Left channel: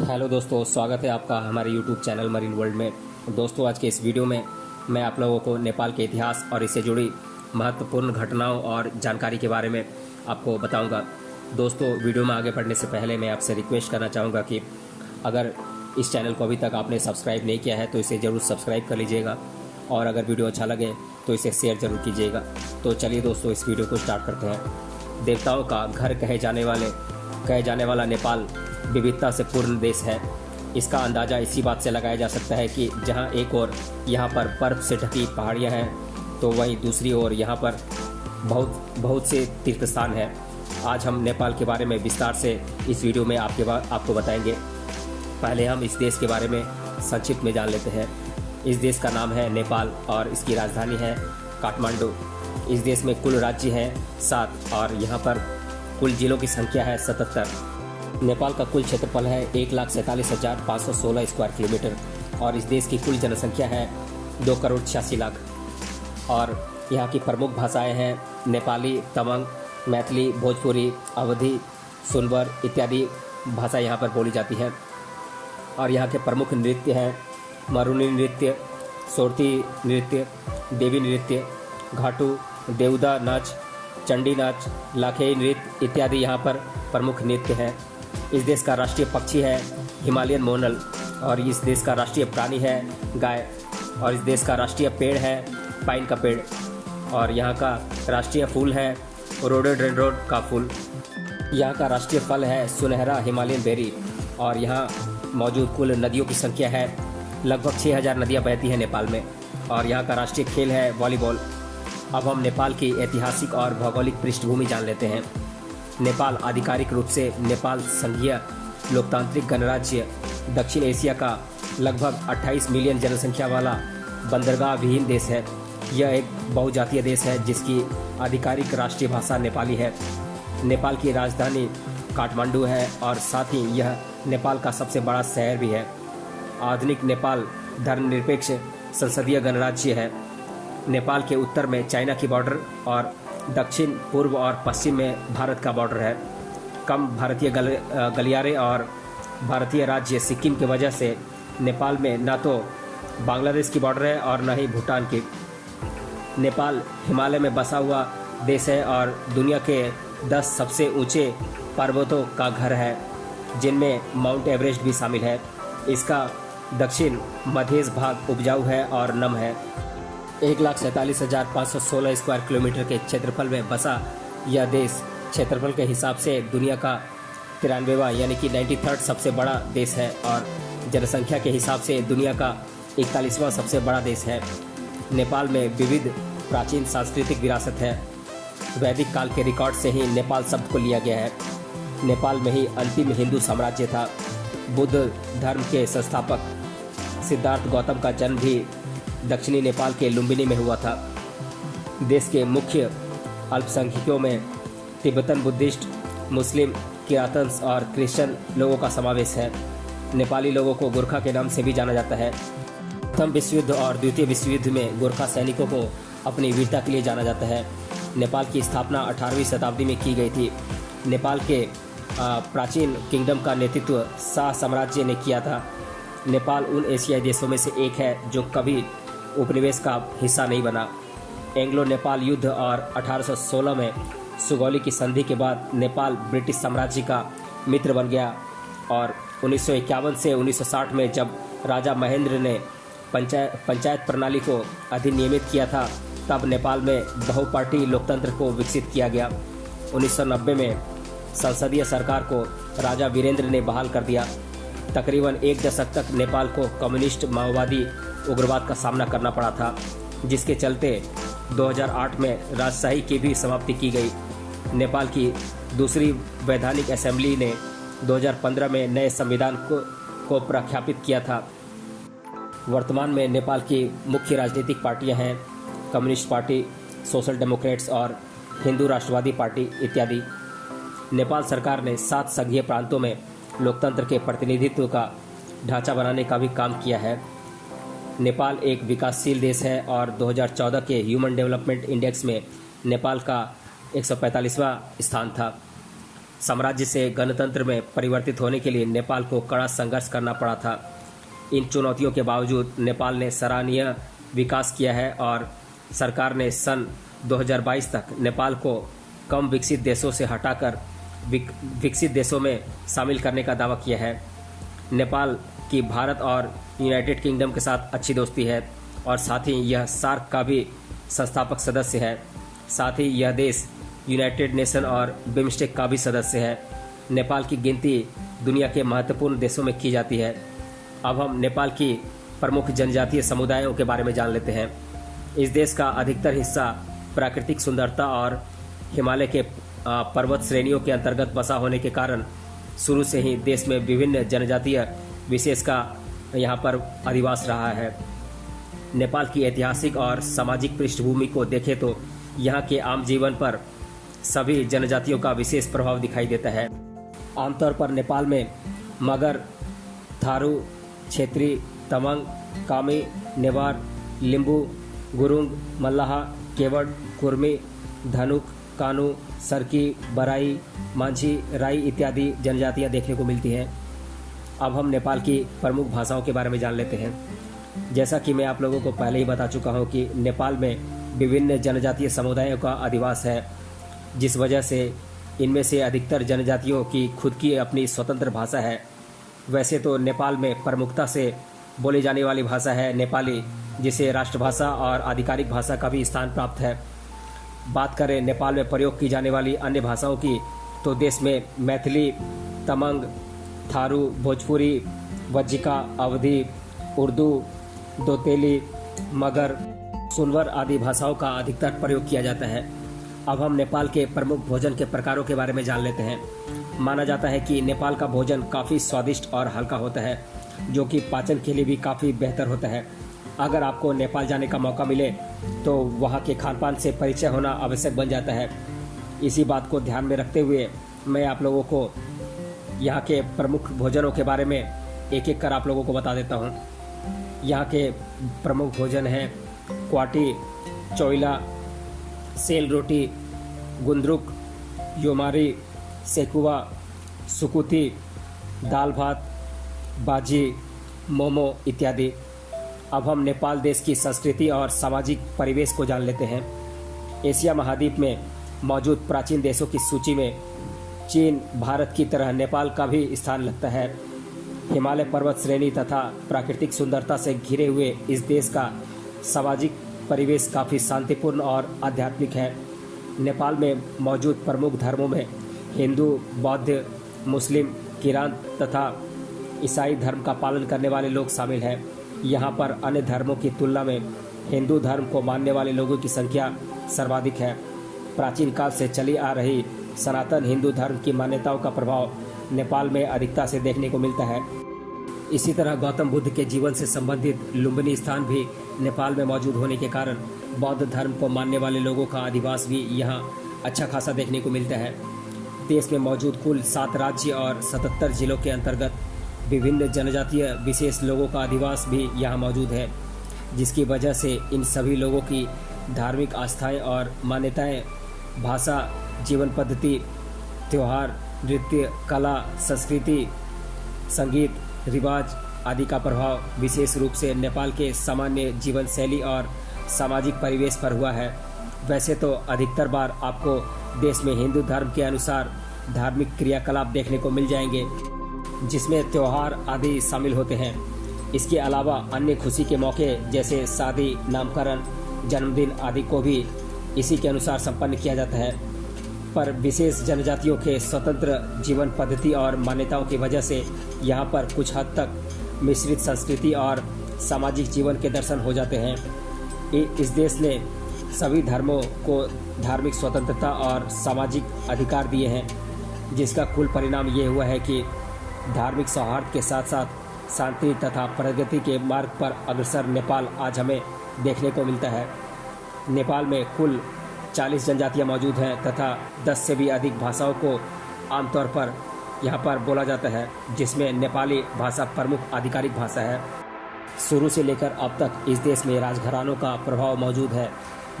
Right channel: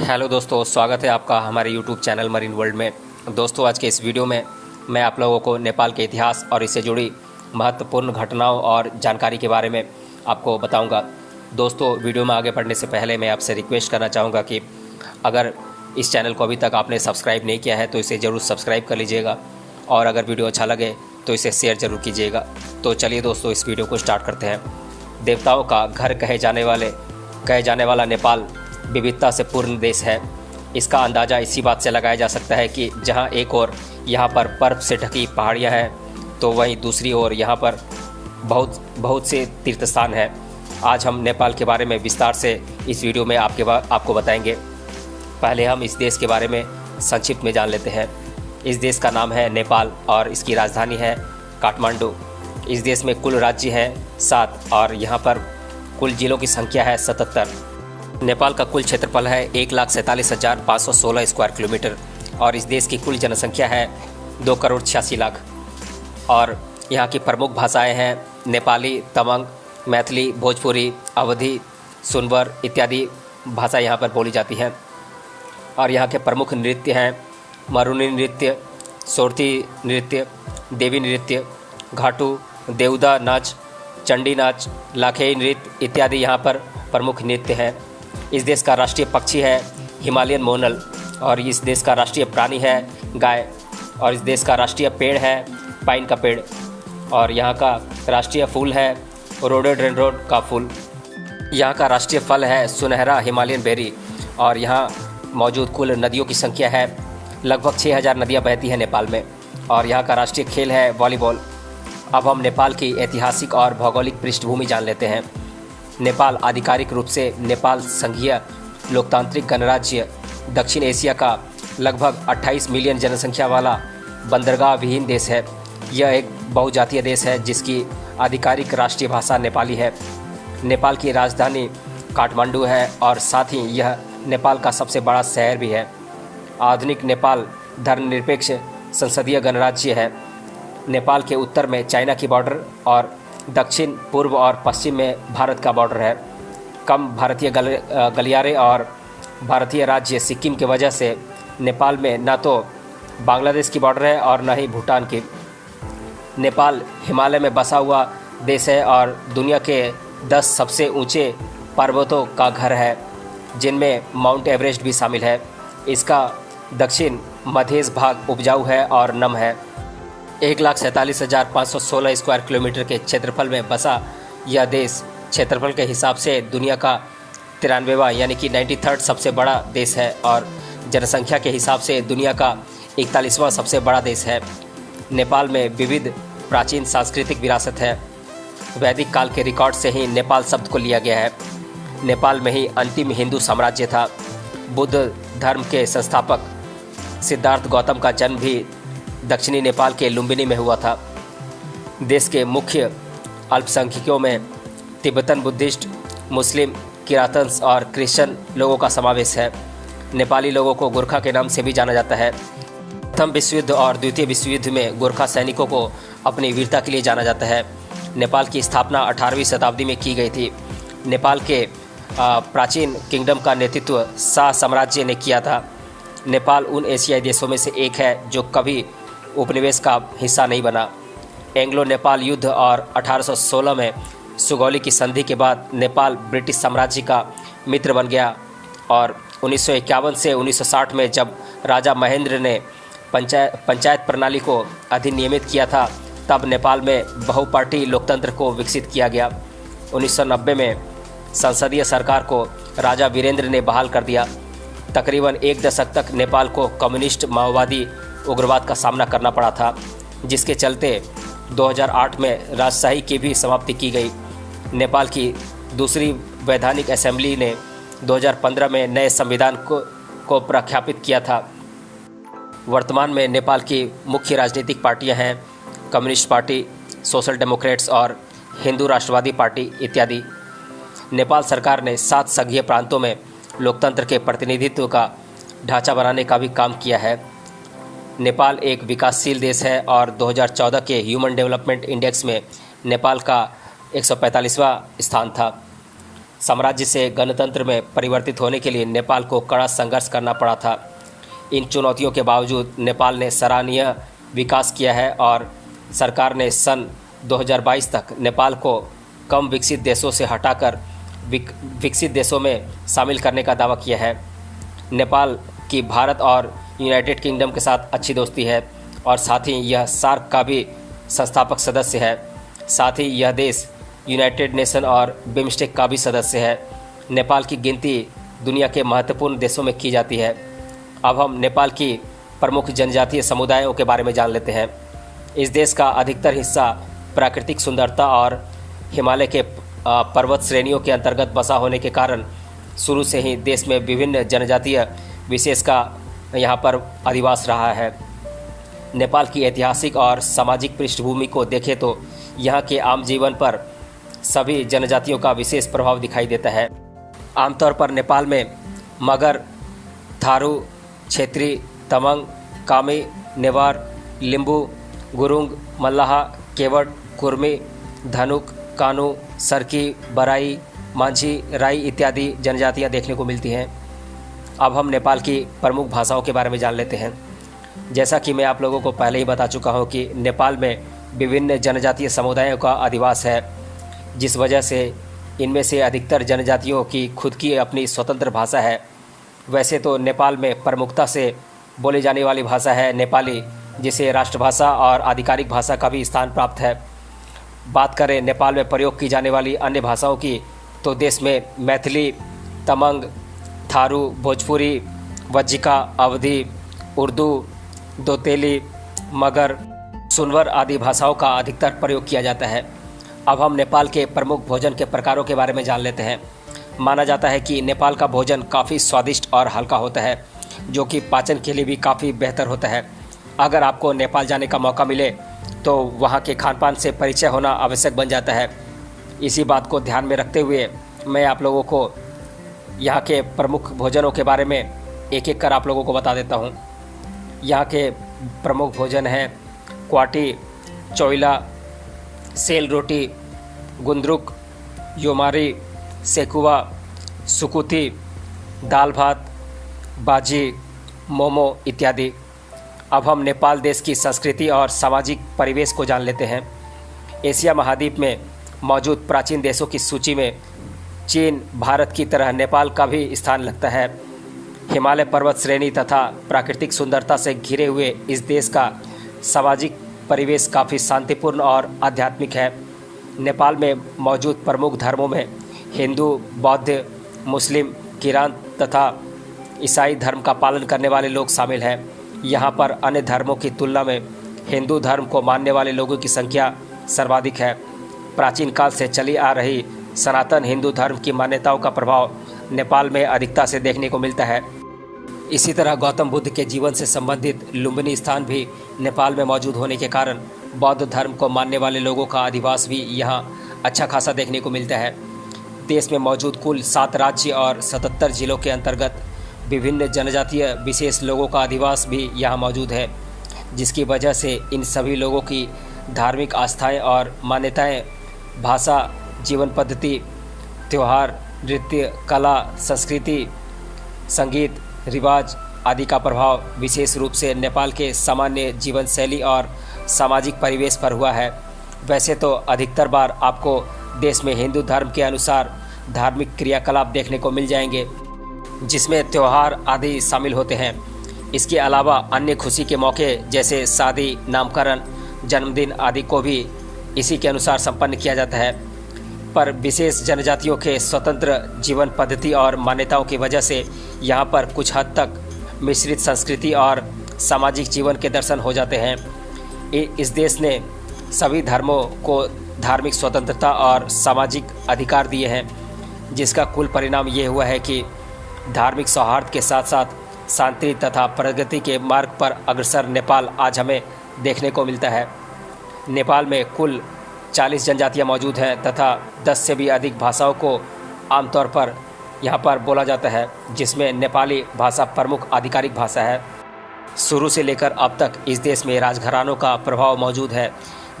Hello दोस्तों, स्वागत है आपका हमारे यूट्यूब चैनल मरीन वर्ल्ड में। दोस्तों, आज के इस वीडियो में मैं आप लोगों को नेपाल के इतिहास और इससे जुड़ी महत्वपूर्ण घटनाओं और जानकारी के बारे में आपको बताऊंगा। दोस्तों, वीडियो में आगे बढ़ने से पहले मैं आपसे रिक्वेस्ट करना चाहूँगा कि अगर इस चैनल को अभी तक आपने सब्सक्राइब नहीं किया है तो इसे ज़रूर सब्सक्राइब कर लीजिएगा, और अगर वीडियो अच्छा लगे तो इसे शेयर ज़रूर कीजिएगा। तो चलिए दोस्तों, इस वीडियो को स्टार्ट करते हैं। देवताओं का घर कहे जाने वाला नेपाल विविधता से पूर्ण देश है। इसका अंदाज़ा इसी बात से लगाया जा सकता है कि जहां एक ओर यहाँ पर बर्फ़ से ढकी पहाड़ियाँ हैं तो वहीं दूसरी ओर यहाँ पर बहुत से तीर्थ स्थान हैं। आज हम नेपाल के बारे में विस्तार से इस वीडियो में आपको बताएंगे। पहले हम इस देश के बारे में संक्षिप्त में जान लेते हैं। इस देश का नाम है नेपाल और इसकी राजधानी है काठमांडू। इस देश में कुल राज्य है 7 और यहाँ पर कुल जिलों की संख्या है 77। नेपाल का कुल क्षेत्रफल है 1,47,516 स्क्वायर किलोमीटर और इस देश की कुल जनसंख्या है 2,86,00,000। और यहाँ की प्रमुख भाषाएं हैं नेपाली, तमंग, मैथिली, भोजपुरी, अवधी, सुनवर इत्यादि भाषा यहाँ पर बोली जाती हैं। और यहाँ के प्रमुख नृत्य हैं मरुनी नृत्य, सोरथी नृत्य, देवी नृत्य, घाटू, देवदा नाच, चंडी नाच, लाखेई नृत्य इत्यादि यहाँ पर प्रमुख नृत्य हैं। इस देश का राष्ट्रीय पक्षी है हिमालयन मोनल और इस देश का राष्ट्रीय प्राणी है गाय और इस देश का राष्ट्रीय पेड़ है पाइन का पेड़ और यहाँ का राष्ट्रीय फूल है रोडोडेंड्रोन का फूल। यहाँ का राष्ट्रीय फल है सुनहरा हिमालयन बेरी और यहाँ मौजूद कुल नदियों की संख्या है लगभग 6,000 नदियाँ बहती हैं नेपाल में और यहाँ का राष्ट्रीय खेल है वॉलीबॉल। अब हम नेपाल की ऐतिहासिक और भौगोलिक पृष्ठभूमि जान लेते हैं। नेपाल आधिकारिक रूप से नेपाल संघीय लोकतांत्रिक गणराज्य दक्षिण एशिया का लगभग 28 मिलियन जनसंख्या वाला बंदरगाह विहीन देश है। यह एक बहुजातीय देश है जिसकी आधिकारिक राष्ट्रीय भाषा नेपाली है। नेपाल की राजधानी काठमांडू है और साथ ही यह नेपाल का सबसे बड़ा शहर भी है। आधुनिक नेपाल धर्मनिरपेक्ष संसदीय गणराज्य है। नेपाल के उत्तर में चाइना की बॉर्डर और दक्षिण पूर्व और पश्चिम में भारत का बॉर्डर है। कम भारतीय गलियारे और भारतीय राज्य सिक्किम की वजह से नेपाल में न तो बांग्लादेश की बॉर्डर है और न ही भूटान की। नेपाल हिमालय में बसा हुआ देश है और दुनिया के 10 सबसे ऊंचे पर्वतों का घर है जिनमें माउंट एवरेस्ट भी शामिल है। इसका दक्षिण मध्य भाग उपजाऊ है और नम है। 1,47,516 स्क्वायर किलोमीटर के क्षेत्रफल में बसा यह देश क्षेत्रफल के हिसाब से दुनिया का 93वां यानी कि 93rd सबसे बड़ा देश है और जनसंख्या के हिसाब से दुनिया का 41वां सबसे बड़ा देश है। नेपाल में विविध प्राचीन सांस्कृतिक विरासत है। वैदिक काल के रिकॉर्ड से ही नेपाल शब्द को लिया गया है। नेपाल में ही अंतिम हिंदू साम्राज्य था। बुद्ध धर्म के संस्थापक सिद्धार्थ गौतम का जन्म भी दक्षिणी नेपाल के लुम्बिनी में हुआ था। देश के मुख्य अल्पसंख्यकों में तिब्बतन बुद्धिस्ट, मुस्लिम, किरातंस और क्रिश्चियन लोगों का समावेश है। नेपाली लोगों को गोरखा के नाम से भी जाना जाता है। प्रथम विश्व युद्ध और द्वितीय विश्व युद्ध में गोरखा सैनिकों को अपनी वीरता के लिए जाना जाता है। नेपाल की स्थापना 18वीं शताब्दी में की गई थी। नेपाल के प्राचीन किंगडम का नेतृत्व शाह साम्राज्य ने किया था। नेपाल उन एशियाई देशों में से एक है जो कभी उपनिवेश का हिस्सा नहीं बना। एंग्लो नेपाल युद्ध और 1816 में सुगौली की संधि के बाद नेपाल ब्रिटिश साम्राज्य का मित्र बन गया और 1951 से 1960 में जब राजा महेंद्र ने पंचायत प्रणाली को अधिनियमित किया था तब नेपाल में बहुपार्टी लोकतंत्र को विकसित किया गया। 1990 में संसदीय सरकार को राजा वीरेंद्र ने बहाल कर दिया। तकरीबन 1 दशक तक नेपाल को कम्युनिस्ट माओवादी उग्रवाद का सामना करना पड़ा था, जिसके चलते 2008 में राजशाही की भी समाप्ति की गई। नेपाल की दूसरी वैधानिक असेंबली ने 2015 में नए संविधान को प्रख्यापित किया था। वर्तमान में नेपाल की मुख्य राजनीतिक पार्टियां हैं कम्युनिस्ट पार्टी, सोशल डेमोक्रेट्स और हिंदू राष्ट्रवादी पार्टी इत्यादि। नेपाल सरकार ने 7 संघीय प्रांतों में लोकतंत्र के प्रतिनिधित्व का ढांचा बनाने का भी काम किया है। नेपाल एक विकासशील देश है और 2014 के ह्यूमन डेवलपमेंट इंडेक्स में नेपाल का 145वां स्थान था। साम्राज्य से गणतंत्र में परिवर्तित होने के लिए नेपाल को कड़ा संघर्ष करना पड़ा था। इन चुनौतियों के बावजूद नेपाल ने सराहनीय विकास किया है और सरकार ने सन 2022 तक नेपाल को कम विकसित देशों से हटाकर विकसित देशों में शामिल करने का दावा किया है। नेपाल की भारत और यूनाइटेड किंगडम के साथ अच्छी दोस्ती है और साथ ही यह सार्क का भी संस्थापक सदस्य है। साथ ही यह देश यूनाइटेड नेशन और बिम्स्टेक का भी सदस्य है। नेपाल की गिनती दुनिया के महत्वपूर्ण देशों में की जाती है। अब हम नेपाल की प्रमुख जनजातीय समुदायों के बारे में जान लेते हैं। इस देश का अधिकतर हिस्सा प्राकृतिक सुंदरता और हिमालय के पर्वत श्रेणियों के अंतर्गत बसा होने के कारण शुरू से ही देश में विभिन्न जनजातीय विशेष का यहाँ पर अधिवास रहा है। नेपाल की ऐतिहासिक और सामाजिक पृष्ठभूमि को देखें तो यहाँ के आम जीवन पर सभी जनजातियों का विशेष प्रभाव दिखाई देता है। आमतौर पर नेपाल में मगर, थारू, क्षेत्री, तमंग, कामी, नेवार, लिम्बू, गुरुंग, मल्लाह, केवड़, कुर्मी, धनुक, कानू, सरकी, बराई, मांझी, राई इत्यादि जनजातियाँ देखने को मिलती हैं। अब हम नेपाल की प्रमुख भाषाओं के बारे में जान लेते हैं। जैसा कि मैं आप लोगों को पहले ही बता चुका हूँ कि नेपाल में विभिन्न जनजातीय समुदायों का अधिवास है, जिस वजह से इनमें से अधिकतर जनजातियों की खुद की अपनी स्वतंत्र भाषा है। वैसे तो नेपाल में प्रमुखता से बोली जाने वाली भाषा है नेपाली, जिसे राष्ट्रभाषा और आधिकारिक भाषा का भी स्थान प्राप्त है। बात करें नेपाल में प्रयोग की जाने वाली अन्य भाषाओं की तो देश में मैथिली, तमंग, थारू, भोजपुरी, वज्जिका, अवधी, उर्दू, दोतेली, मगर, सुनवर आदि भाषाओं का अधिकतर प्रयोग किया जाता है। अब हम नेपाल के प्रमुख भोजन के प्रकारों के बारे में जान लेते हैं। माना जाता है कि नेपाल का भोजन काफ़ी स्वादिष्ट और हल्का होता है, जो कि पाचन के लिए भी काफ़ी बेहतर होता है। अगर आपको नेपाल जाने का मौका मिले तो वहाँ के खान पान से परिचय होना आवश्यक बन जाता है। इसी बात को ध्यान में रखते हुए मैं आप लोगों को यहाँ के प्रमुख भोजनों के बारे में एक एक कर आप लोगों को बता देता हूँ। यहाँ के प्रमुख भोजन हैं क्वाटी, चोइला, सेल रोटी, गुंद्रुक, योमारी, सेकुवा, सुकुती, दाल भात, बाजी, मोमो इत्यादि। अब हम नेपाल देश की संस्कृति और सामाजिक परिवेश को जान लेते हैं। एशिया महाद्वीप में मौजूद प्राचीन देशों की सूची में चीन, भारत की तरह नेपाल का भी स्थान लगता है। हिमालय पर्वत श्रेणी तथा प्राकृतिक सुंदरता से घिरे हुए इस देश का सामाजिक परिवेश काफ़ी शांतिपूर्ण और आध्यात्मिक है। नेपाल में मौजूद प्रमुख धर्मों में हिंदू, बौद्ध, मुस्लिम, किरान तथा ईसाई धर्म का पालन करने वाले लोग शामिल हैं। यहाँ पर अन्य धर्मों की तुलना में हिंदू धर्म को मानने वाले लोगों की संख्या सर्वाधिक है। प्राचीन काल से चली आ रही सनातन हिंदू धर्म की मान्यताओं का प्रभाव नेपाल में अधिकता से देखने को मिलता है। इसी तरह गौतम बुद्ध के जीवन से संबंधित लुम्बिनी स्थान भी नेपाल में मौजूद होने के कारण बौद्ध धर्म को मानने वाले लोगों का अधिवास भी यहाँ अच्छा खासा देखने को मिलता है। देश में मौजूद कुल 7 राज्य और 77 जिलों के अंतर्गत विभिन्न जनजातीय विशेष लोगों का अधिवास भी यहाँ मौजूद है, जिसकी वजह से इन सभी लोगों की धार्मिक आस्थाएं और मान्यताएं, भाषा, जीवन पद्धति, त्यौहार, नृत्य, कला, संस्कृति, संगीत, रिवाज आदि का प्रभाव विशेष रूप से नेपाल के सामान्य जीवन शैली और सामाजिक परिवेश पर हुआ है। वैसे तो अधिकतर बार आपको देश में हिंदू धर्म के अनुसार धार्मिक क्रियाकलाप देखने को मिल जाएंगे, जिसमें त्यौहार आदि शामिल होते हैं। इसके अलावा अन्य खुशी के मौके जैसे शादी, नामकरण, जन्मदिन आदि को भी इसी के अनुसार संपन्न किया जाता है। पर विशेष जनजातियों के स्वतंत्र जीवन पद्धति और मान्यताओं की वजह से यहाँ पर कुछ हद तक मिश्रित संस्कृति और सामाजिक जीवन के दर्शन हो जाते हैं। इस देश ने सभी धर्मों को धार्मिक स्वतंत्रता और सामाजिक अधिकार दिए हैं, जिसका कुल परिणाम ये हुआ है कि धार्मिक सौहार्द के साथ साथ शांति तथा प्रगति के मार्ग पर अग्रसर नेपाल आज हमें देखने को मिलता है। नेपाल में कुल 40 जनजातियाँ मौजूद हैं तथा 10 से भी अधिक भाषाओं को आमतौर पर यहाँ पर बोला जाता है, जिसमें नेपाली भाषा प्रमुख आधिकारिक भाषा है। शुरू से लेकर अब तक इस देश में राजघरानों का प्रभाव मौजूद है,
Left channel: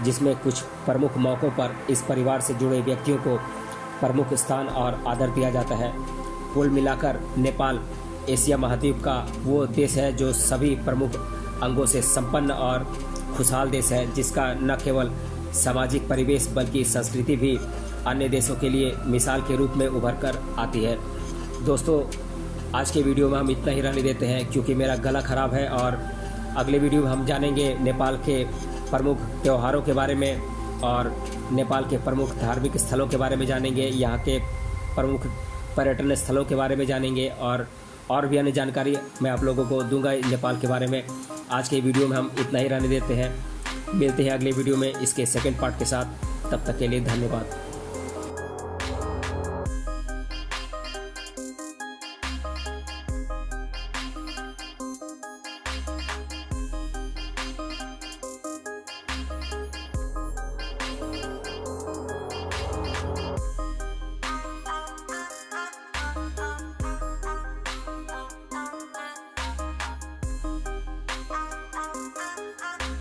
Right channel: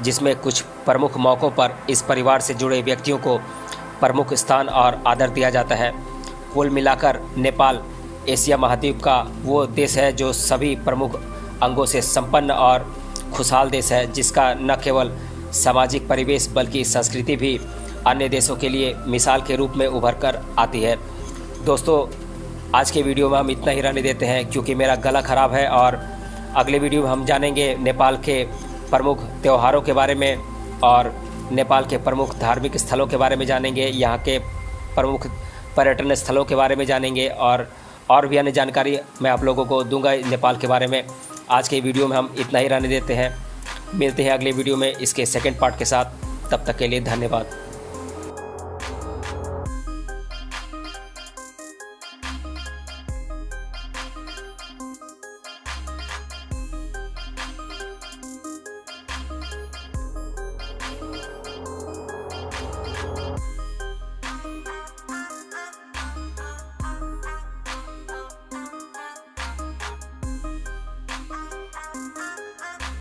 जिसमें कुछ प्रमुख मौक़ों पर इस परिवार से जुड़े व्यक्तियों को प्रमुख स्थान और आदर दिया जाता है। कुल मिलाकर नेपाल एशिया महाद्वीप का वो देश है जो सभी प्रमुख अंगों से संपन्न और खुशहाल देश है, जिसका न केवल सामाजिक परिवेश बल्कि संस्कृति भी अन्य देशों के लिए मिसाल के रूप में उभर कर आती है। दोस्तों, आज के वीडियो में हम इतना ही रहने देते हैं क्योंकि मेरा गला ख़राब है, और अगले वीडियो में हम जानेंगे नेपाल के प्रमुख त्योहारों के बारे में और नेपाल के प्रमुख धार्मिक स्थलों के बारे में जानेंगे, यहाँ के प्रमुख पर्यटन स्थलों के बारे में जानेंगे और भी अन्य जानकारी मैं आप लोगों को दूंगा नेपाल के बारे में। आज के वीडियो में हम इतना ही रहने देते हैं। मिलते हैं अगले वीडियो में इसके सेकंड पार्ट के साथ। तब तक के लिए धन्यवाद।